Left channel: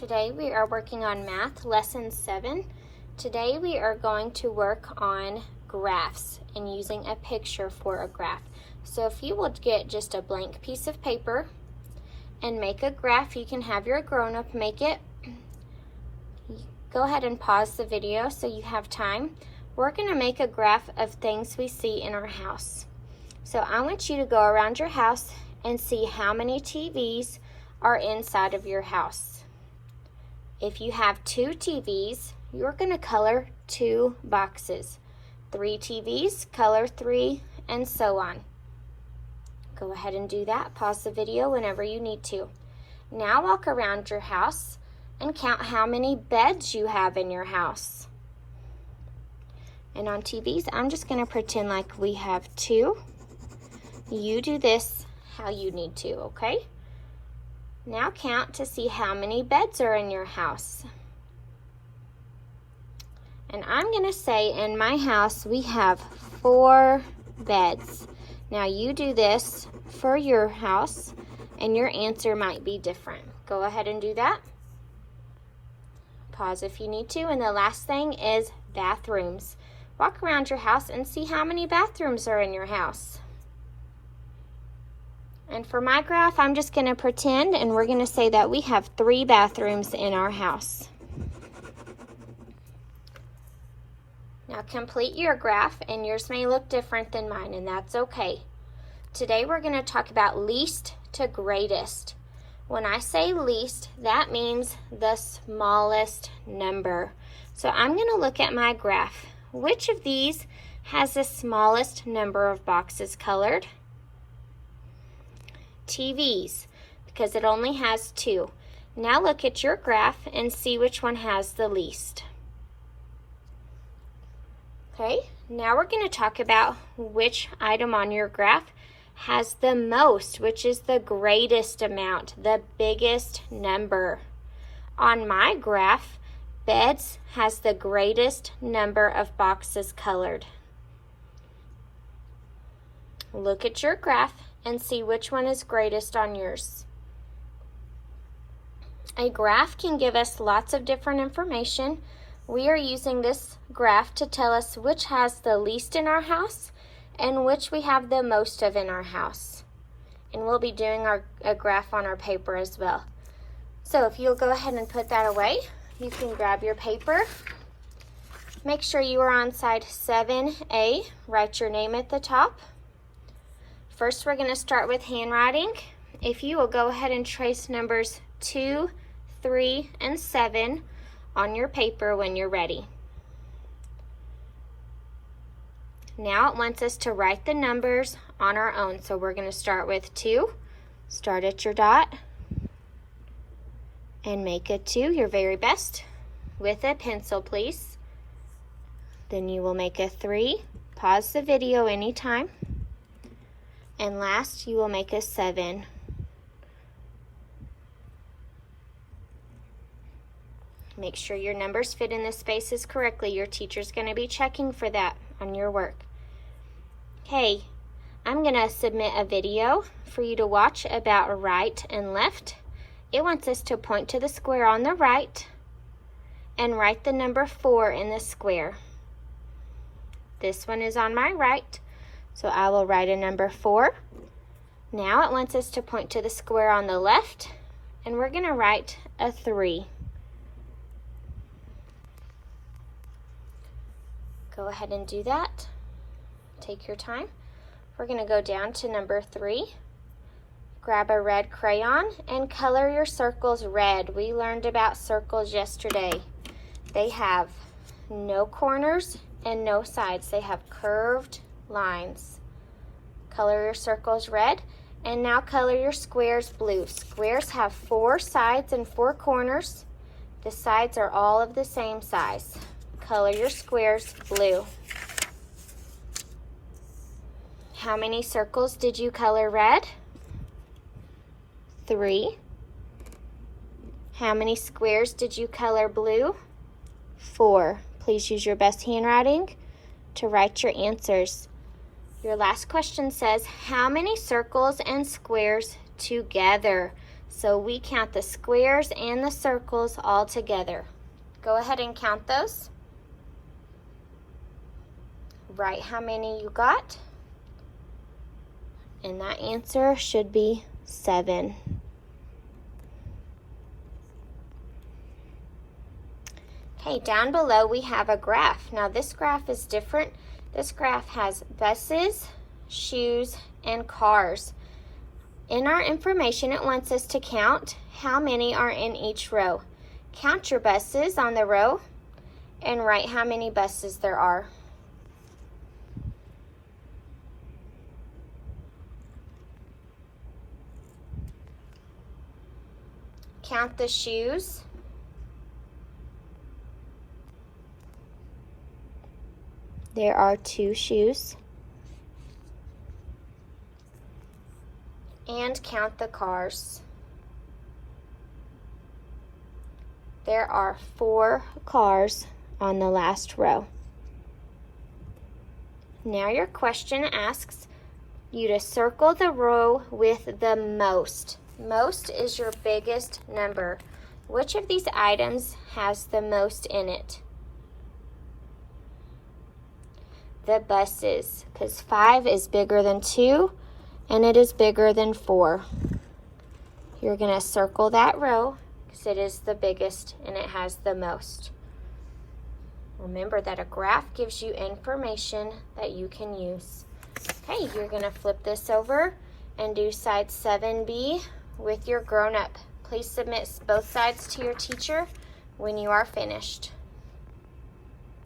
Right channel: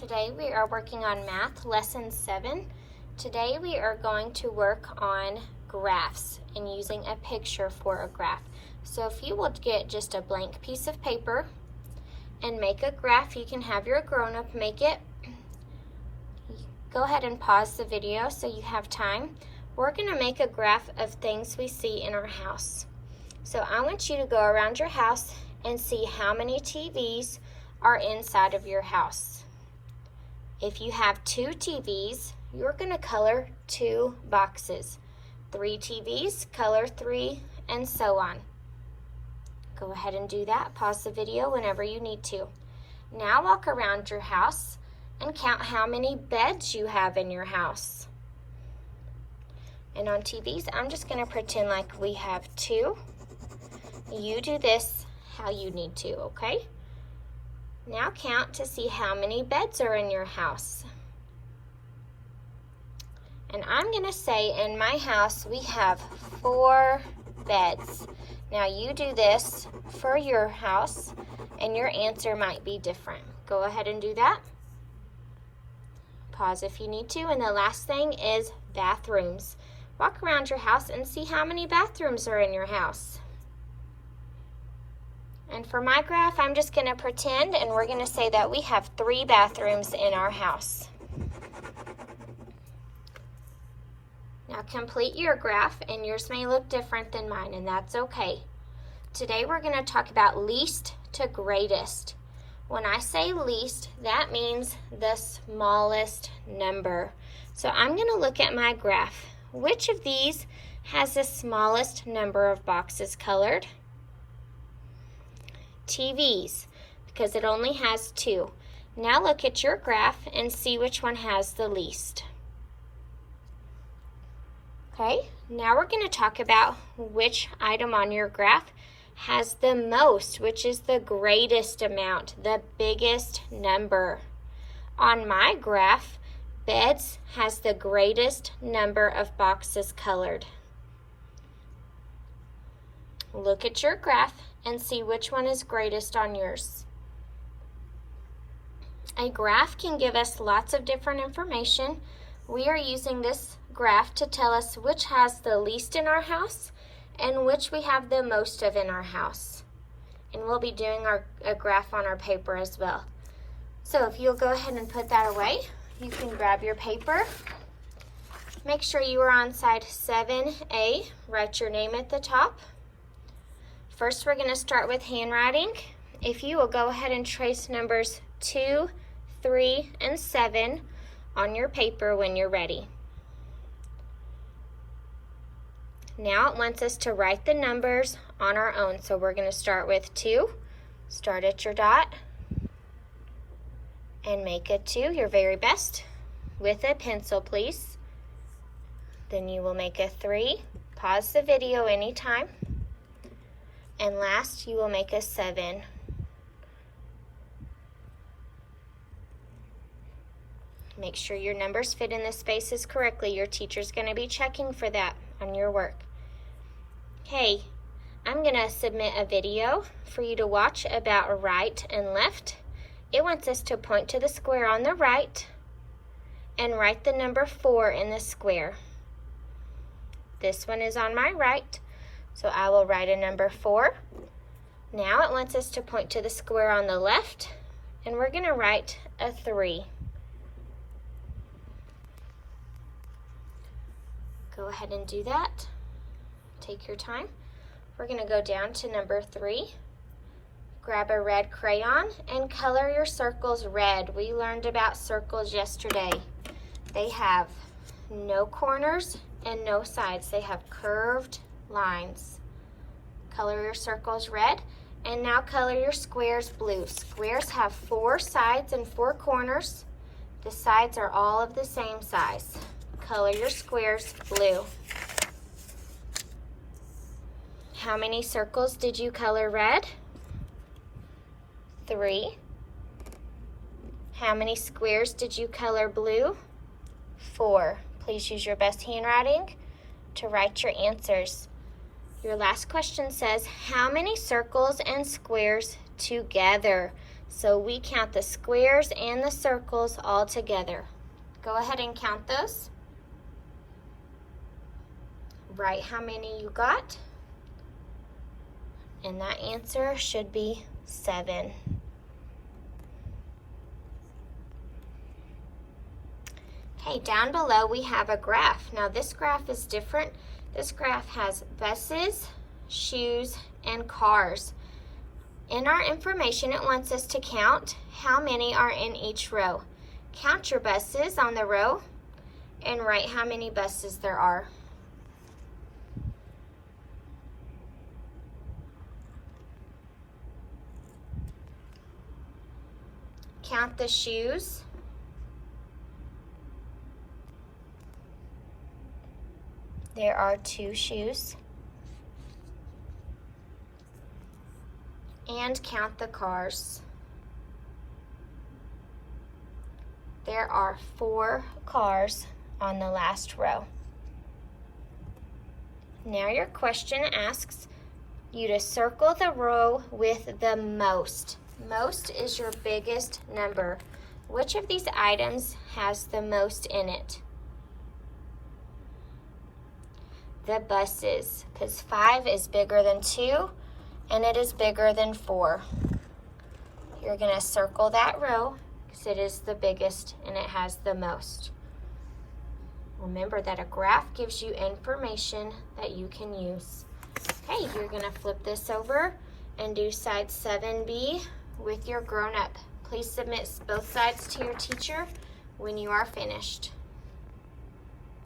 Today we are working on math lesson 7. Today we are going to work on graphs and using a picture for a graph. So if you will get just a blank piece of paper and make a graph, you can have your grown-up make it. Go ahead and pause the video so you have time. We're going to make a graph of things we see in our house. So I want you to go around your house and see how many TVs are inside of your house. If you have 2 TVs, you're going to color 2 boxes. 3 TVs, color 3, and so on. Go ahead and do that. Pause the video whenever you need to. Now walk around your house and count how many beds you have in your house. And on TVs, I'm just going to pretend like we have 2. You do this how you need to, okay? Now count to see how many beds are in your house. And I'm going to say in my house we have 4 beds. Now you do this for your house and your answer might be different. Go ahead and do that. Pause if you need to. And the last thing is bathrooms. Walk around your house and see how many bathrooms are in your house. And for my graph, I'm just going to pretend and we're going to say that we have 3 bathrooms in our house. Now complete your graph, and yours may look different than mine, and that's okay. Today we're going to talk about least to greatest. When I say least, that means the smallest number. So I'm going to look at my graph. Which of these has the smallest number of boxes colored? TVs, because it only has 2. Now look at your graph and see which one has the least. Okay, now we're going to talk about which item on your graph has the most, which is the greatest amount, the biggest number. On my graph, beds has the greatest number of boxes colored. Look at your graph and see which one is greatest on yours. A graph can give us lots of different information. We are using this graph to tell us which has the least in our house and which we have the most of in our house. And we'll be doing a graph on our paper as well. So if you'll go ahead and put that away, you can grab your paper. Make sure you are on side 7A. Write your name at the top. First, we're going to start with handwriting. If you will go ahead and trace numbers 2, 3, and 7 on your paper when you're ready. Now it wants us to write the numbers on our own. So we're going to start with 2. Start at your dot and make a 2, your very best, with a pencil, please. Then you will make a 3. Pause the video anytime. And last, you will make a 7. Make sure your numbers fit in the spaces correctly. Your teacher's going to be checking for that on your work. Okay, I'm going to submit a video for you to watch about right and left. It wants us to point to the square on the right and write the number 4 in the square. This one is on my right. So I will write a number 4. Now it wants us to point to the square on the left, and we're going to write a 3. Go ahead and do that. Take your time. We're going to go down to number 3. Grab a red crayon and color your circles red. We learned about circles yesterday. They have no corners and no sides. They have curved lines. Color your circles red, and now color your squares blue. Squares have 4 sides and 4 corners. The sides are all of the same size. Color your squares blue. How many circles did you color red? 3. How many squares did you color blue? 4. Please use your best handwriting to write your answers. Your last question says, how many circles and squares together? So we count the squares and the circles all together. Go ahead and count those. Write how many you got. And that answer should be 7. Okay, down below we have a graph. Now this graph is different. This graph has buses, shoes, and cars. In our information, it wants us to count how many are in each row. Count your buses on the row and write how many buses there are. Count the shoes. There are 2 shoes. And count the cars. There are 4 cars on the last row. Now your question asks you to circle the row with the most. Most is your biggest number. Which of these items has the most in it? The buses, because 5 is bigger than 2 and it is bigger than 4. You're going to circle that row because it is the biggest and it has the most. Remember that a graph gives you information that you can use. Okay, you're going to flip this over and do side 7B with your grown-up. Please submit both sides to your teacher when you are finished.